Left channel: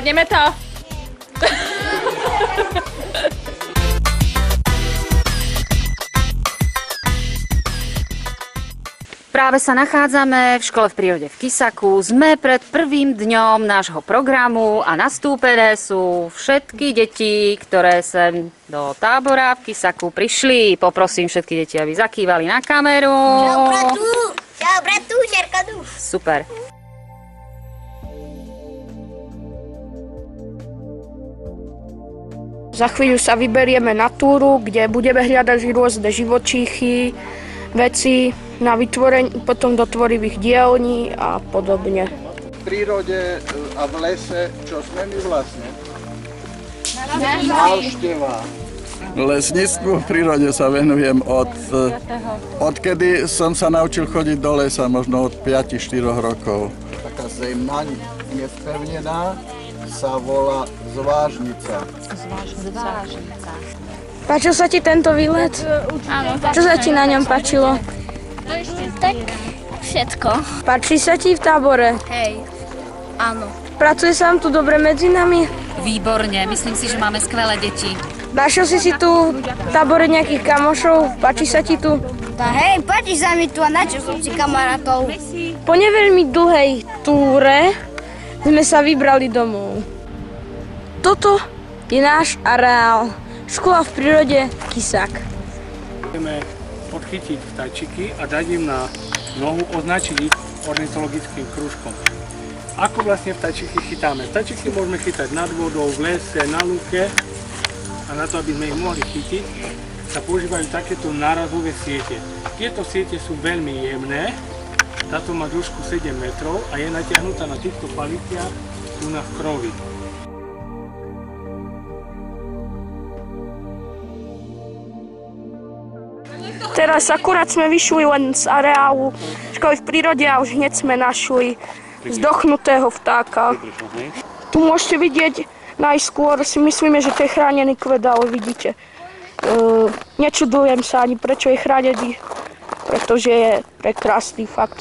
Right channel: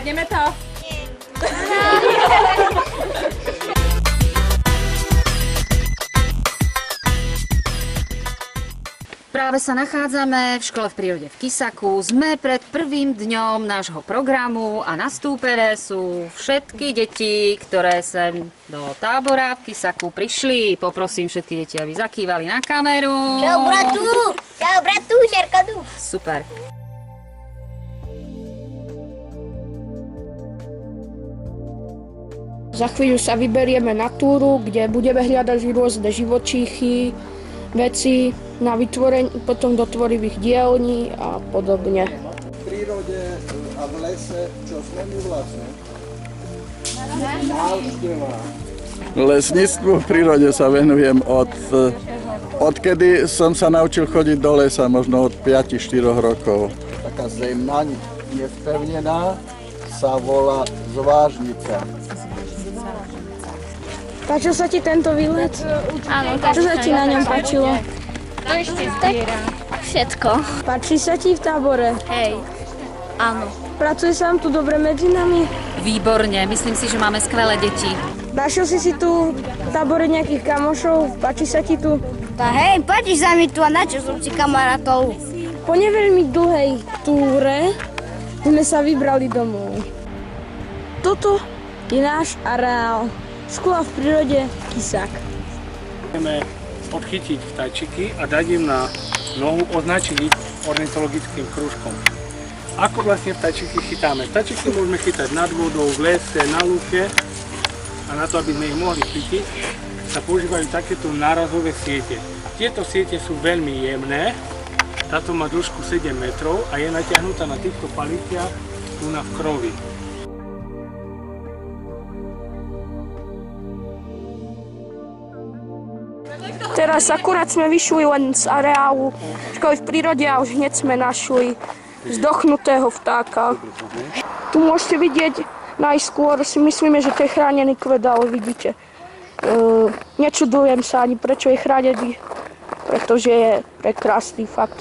Zvládneme to? Práve sa nachádzame v škole v prírode v Kisaku. Sme pred prvým dňom nášho programu a nastúpené sú všetky deti, ktoré sem do tábora v Kisaku prišli. Poprosím všetky deti, aby zakývali na kameru. Čau, bratu! Čau, bratu, Šerkadu! Super. Za chvíľu sa vyberieme na túru, kde budeme hľadať rôzne živočíchy, veci na vytvorenie, potom do tvorivých dielní a podobne. V prírode a v lese, čo sme my vlastne? Návšteva. Lesníctvu v prírode sa venujem odkedy som sa naučil chodiť do lesa, možno od 5-4 rokov. Taká zemná, nevpevnená, sa volá zvážnica. Páčil sa ti tento výlet? Áno. Čo sa ti na ňom páčilo? Tak všetko. Páči sa ti v tábore? Hej. Áno. Pracuje sa vám tu dobre medzi nami? Výborne, myslím si, že máme skvelé deti. Našiel si tu v tábore nejakých kamošov? Páči sa ti tu? Tá hej, páči sa mi tu a načo som si kamarátov. Po neveľmi dlhej túre sme sa vybrali domov. Toto je náš areál. Škola v prírode Kisak. Chceme podchytiť vtáčiky a dať im na nohu, označiť ich ornitologickým krúžkom. Ako vlastne vtáčiky chytáme? Vtáčiky môžeme chytať nad vodou, v lese, na lúke a na to, aby sme ich mohli chytiť, sa používajú takéto nárazové siete. Tieto siete sú veľmi jemné, táto má dĺžku 7 metrov a je natiahnutá na týchto paliciach tu na v krovi. Teraz akurát sme vyšli len z areálu školy v prírode a už hneď sme našli zdochnutého vtáka. Tu môžete vidieť najskôr, si myslíme, že to je chránený kvet, ale vidíte. Nečudujem sa ani prečo je chránený, pretože je prekrásny fakt.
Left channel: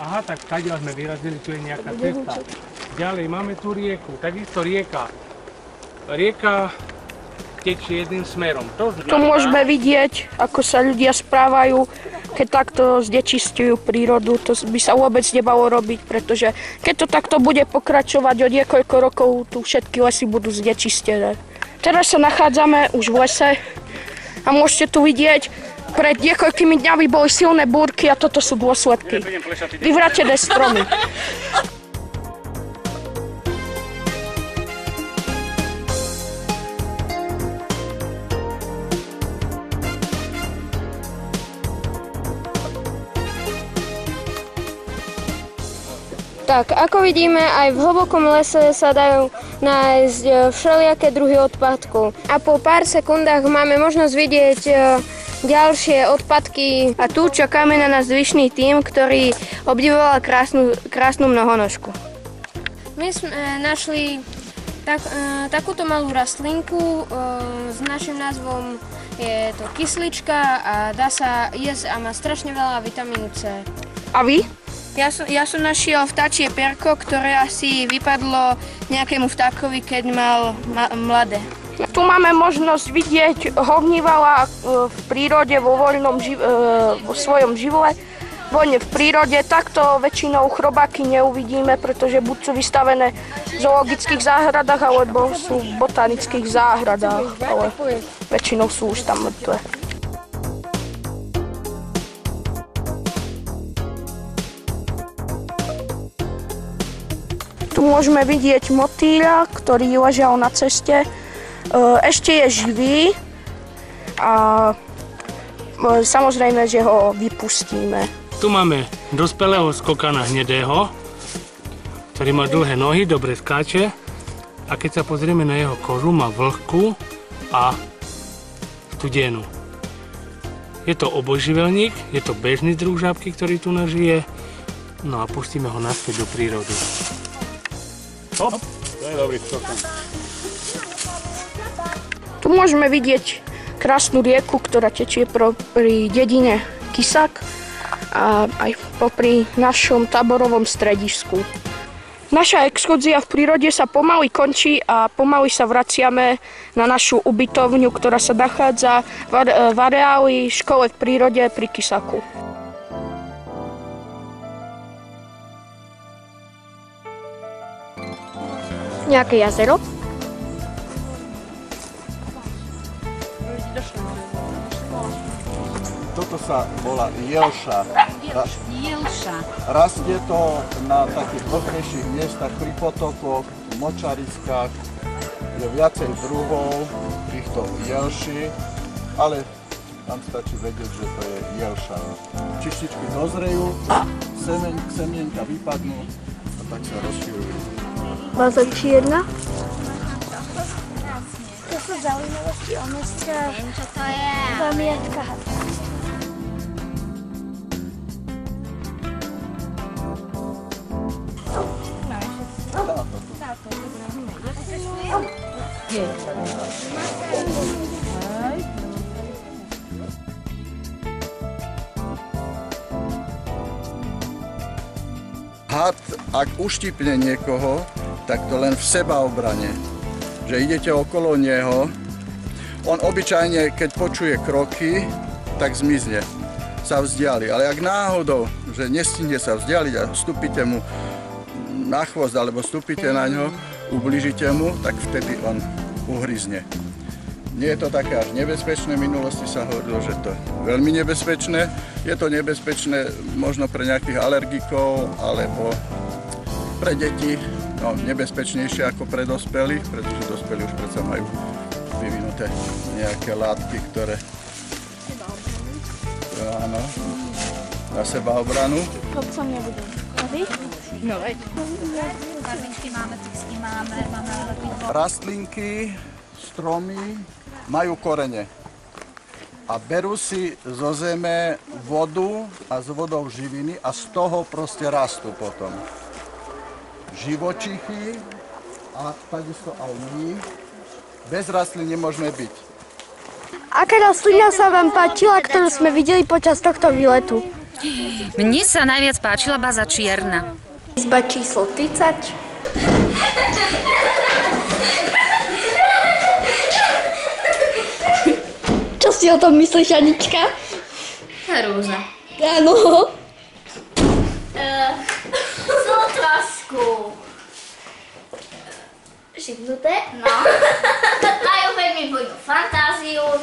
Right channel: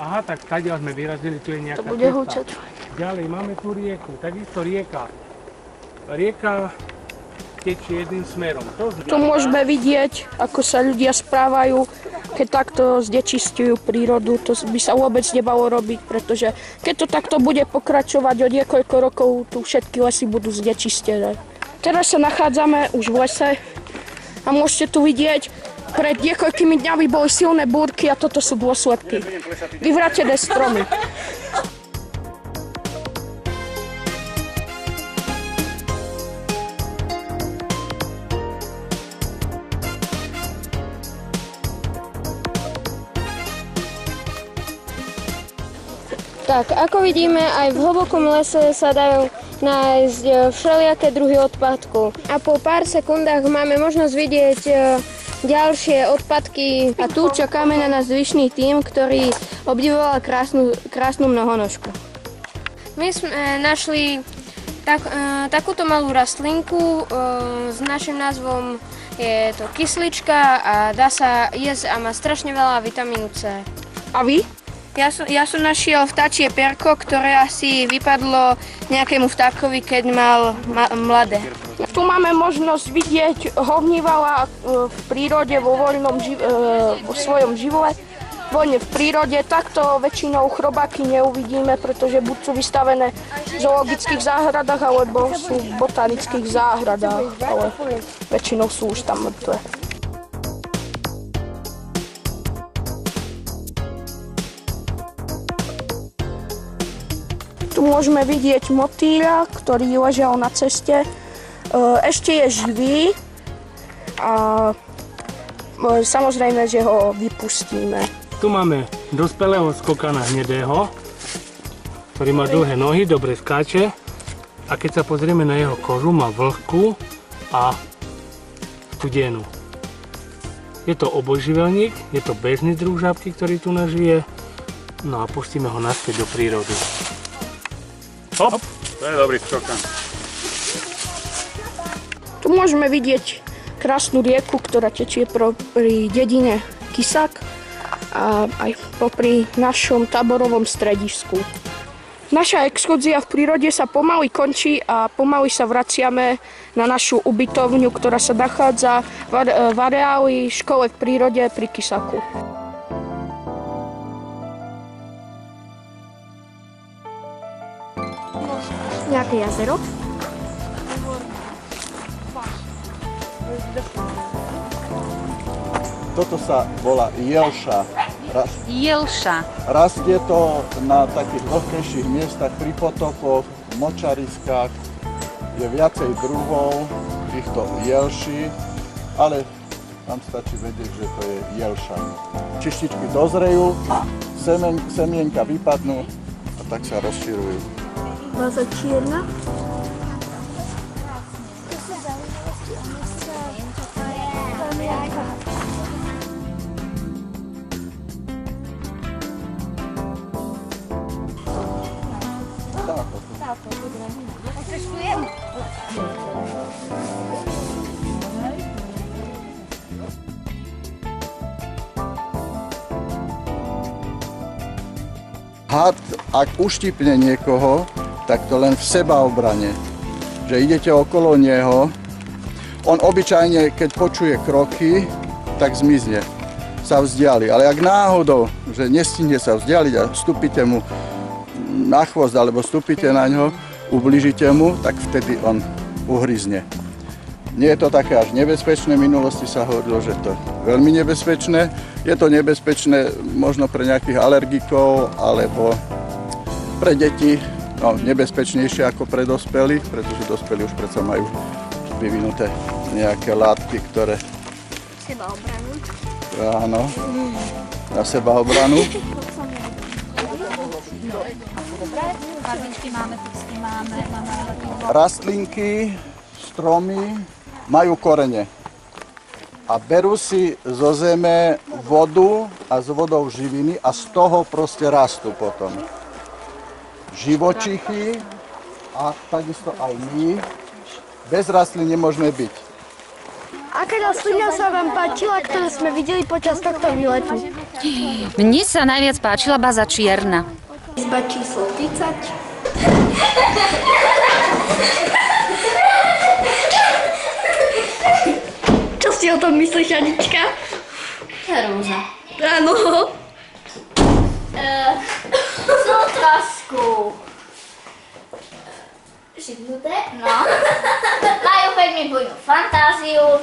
Aha, tak tady sme vyrazili, tu je nejaká cesta. Ďalej máme tu rieku, takisto rieka. Rieka tečie jedným smerom. Tu môžeme vidieť, ako sa ľudia správajú, keď takto znečistujú prírodu. To by sa vôbec nemalo robiť, pretože keď to takto bude pokračovať o niekoľko rokov, tu všetky lesy budú znečistené. Teraz sa nachádzame už v lese a môžete tu vidieť, pred niekoľkými dňami boli silné búrky a toto sú dôsledky. Vyvrátené stromy. Tak, ako vidíme, aj v hlbokom lese sa dajú nájsť všelijaké druhy odpadkov. A po pár sekundách máme možnosť vidieť ďalšie odpadky. A tu čakáme na nás zvyšný tím, ktorý obdivoval krásnu mnohonožku. My sme našli takúto malú rastlinku s našim názvom je to kyslička a dá sa jesť a má strašne veľa vitamínu C. A vy? Ja som našiel vtáčie perko, ktoré asi vypadlo nejakému vtákovi, keď mal mladé. Tu máme možnosť vidieť hovnívala v prírode vo svojom živle. Voľne v prírode. Takto väčšinou chrobáky neuvidíme, pretože buď sú vystavené v zoologických záhradách, alebo sú v botanických záhradách, ale väčšinou sú už tam mŕtve. Tu môžeme vidieť motýľa, ktorý ležal na ceste. Ešte je živý a samozrejme, že ho vypustíme. Tu máme dospelého skokana hnedého, ktorý má dlhé nohy, dobre skáče a keď sa pozrieme na jeho kožu, má vlhkú a studenú. Je to obojživelník, je to bežný druh žabky, ktorý tu nažije, no a pustíme ho naspäť do prírody. Hop, to je dobrý skokan. Tu môžeme vidieť krásnu rieku, ktorá tečie pri dedine Kisak a aj popri našom táborovom stredisku. Naša exkurzia v prírode sa pomaly končí a pomaly sa vraciame na našu ubytovňu, ktorá sa nachádza v areáli škole v prírode pri Kisaku. Nejaké jazero? Toto sa volá jelša. Jelša. Rastie to na takých vlhkejších miestach, pri potokoch, močariskách. Je viacej druhov týchto jelší, ale tam stačí vedieť, že to je jelša. Čištičky dozrejú, semienka vypadnú a tak sa rozširujú. Baza čierna? To sú zaujímavosti o meste. To je pamiatka. Had, ak uštípne niekoho, tak to len v sebaobrane. Že idete okolo neho, on obyčajne, keď počuje kroky, tak zmizne, sa vzdiali. Ale ak náhodou, že nestihne sa vzdialiť a vstúpite mu na chvost alebo vstúpite na ňo, ublížite mu, tak vtedy on uhryzne. Nie je to také až nebezpečné, v minulosti sa hovorilo, že to je veľmi nebezpečné. Je to nebezpečné možno pre nejakých alergikov alebo pre deti, no nebezpečnejšie ako pre dospelých, pretože dospelí už predsa majú vyvinuté nejaké látky, ktoré... Sebaobranu. Áno, na sebaobranu. Barvičky máme, písky máme lepidlo. Rastlinky, stromy majú korene a berú si zo zeme vodu a z vodou živiny a z toho proste rastú potom. Živočichy a takisto aj my. Bez rastlín nemôžeme byť. Aká rastlina sa vám páčila, ktorú sme videli počas tohto výletu? Mne sa najviac páčila baza čierna. Izba číslo 30. Čo si o tom myslíš, Anička? Rúža. Áno. Sú trošku živnuté, no. Majú veľmi bujnú fantáziu.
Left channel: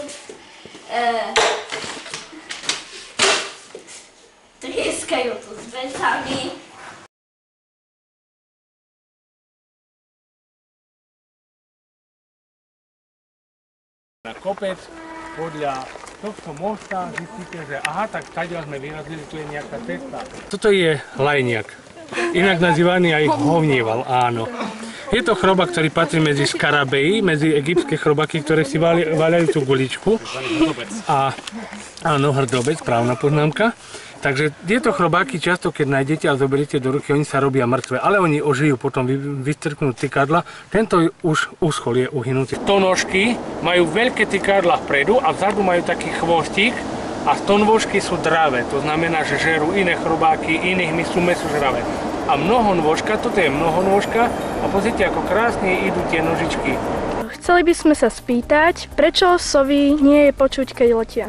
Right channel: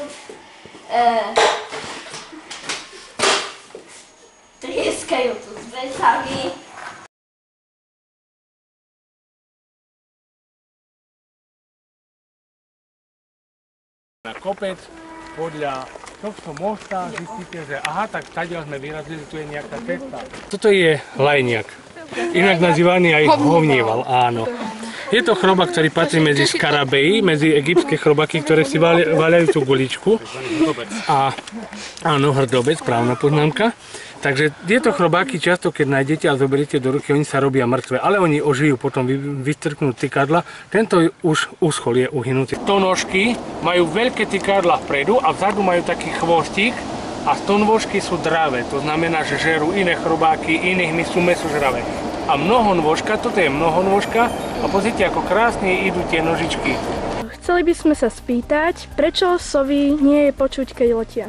Trieskajú tu s vecami. Na kopec podľa tohto mosta zistíte, že aha, tak tadiaľ sme vyrazili, tu je nejaká cesta. Toto je lajniak, inak nazývaný aj hovnieval, áno. Je to chrobák, ktorý patrí medzi skarabei, medzi egyptské chrobaky, ktoré si vaľajú tú guličku. A áno, hrdobec, správna poznámka. Takže tieto chrobáky často, keď nájdete a zoberiete do ruky, oni sa robia mŕtve, ale oni ožijú, potom vystrknú tykadla. Tento už uschol, je uhynutý. Stonožky majú veľké tykadla vpredu a vzadu majú taký chvostík a stonôžky sú dravé. To znamená, že žerú iné chrobáky, iných sú mäsožravé. A mnohonôžka, toto je mnohonôžka a pozrite, ako krásne idú tie nožičky. Chceli by sme sa spýtať, prečo sovy nie je počuť, keď letia?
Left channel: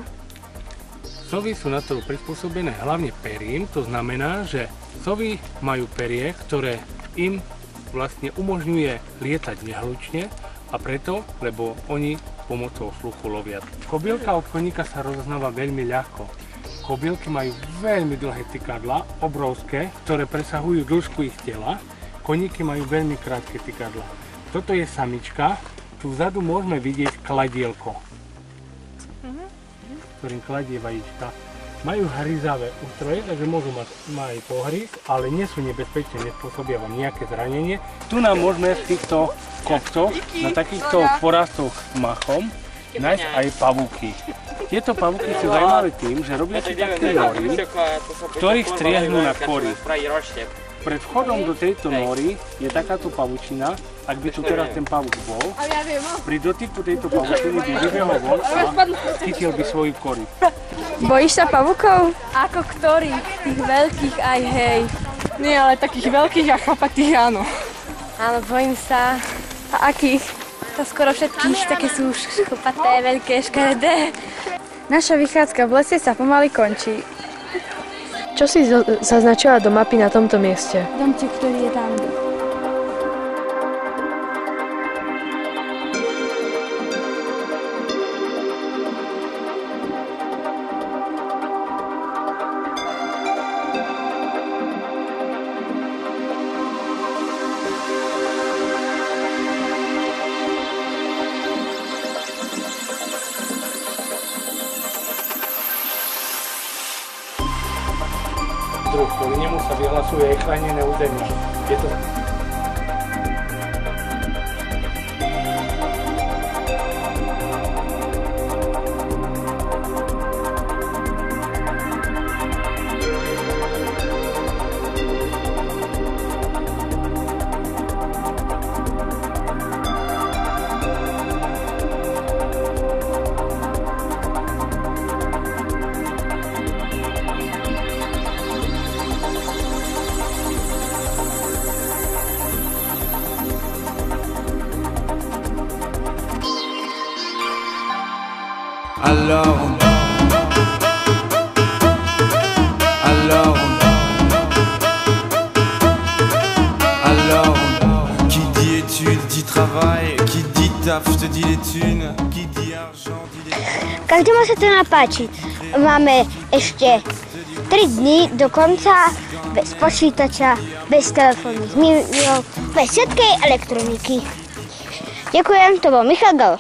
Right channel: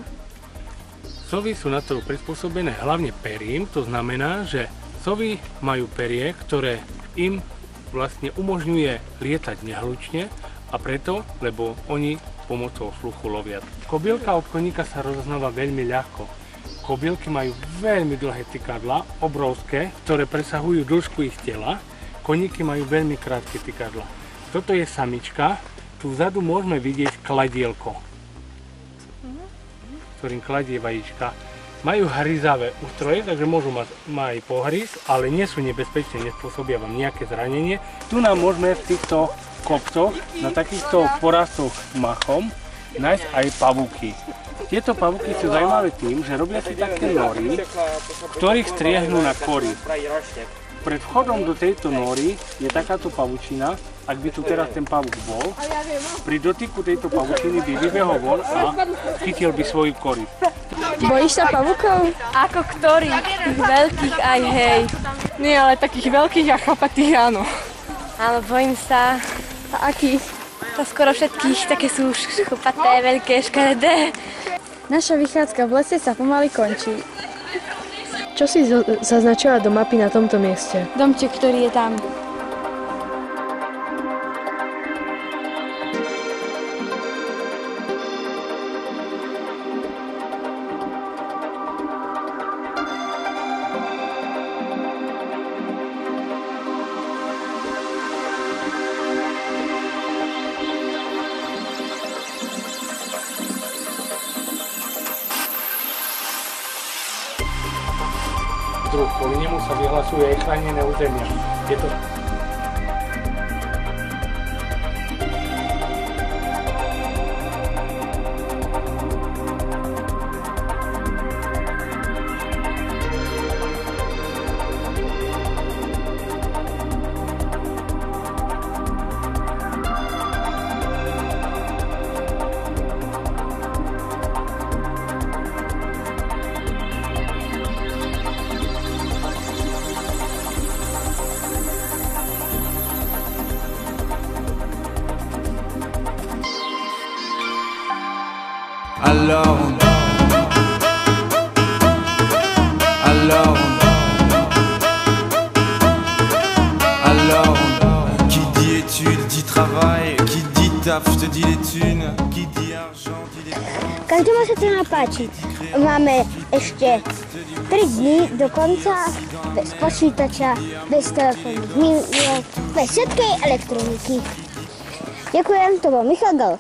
Sovy sú na to prispôsobené hlavne perím, to znamená, že sovy majú perie, ktoré im vlastne umožňuje lietať nehlučne a preto, lebo oni pomocou sluchu lovia. Kobylka obchodníka sa rozoznáva veľmi ľahko. Kobylky majú veľmi dlhé tykadlá, obrovské, ktoré presahujú dĺžku ich tela. Koníky majú veľmi krátke tykadlá. Toto je samička, tu vzadu môžeme vidieť kladielko, ktorým kladie vajíčka. Majú hryzavé ústroje, takže môžu mať aj pohryz, ale nie sú nebezpečné, nespôsobia vám nejaké zranenie. Tu nám môžeme v týchto kopcoch, na takýchto porastoch machom, nájsť aj pavúky. Tieto pavúky sú zaujímavé tým, že robia si také nory, ktorých striehnú na kory. Pred vchodom do tejto nory je takáto pavučina. Ak by tu teraz ten pavúk bol, pri dotyku tejto pavučiny by vybehol von a chytil by svoju kory. Bojíš sa pavúkov? Ako ktorých? Tých veľkých aj hej. Nie, ale takých veľkých a chlapatých áno. Áno, bojím sa. A akých? To skoro všetkých, také sú šchupaté, veľké, škaredé. Naša vychádzka v lese sa pomaly končí. Čo si zaznačila do mapy na tomto mieste? Domček, ktorý je tam. Druh, kvôli nemu sa vyhlasuje aj chránené územia. Je to Alors qui dit études dit travail, qui dit taf te dit les thunes, qui dit argent dit les... Každému sa to napáči. Máme ešte 3 dní do konca bez počítača, bez telefónnych mýlok, bez všetkej elektroniky. Ďakujem, to bol Michal Galo.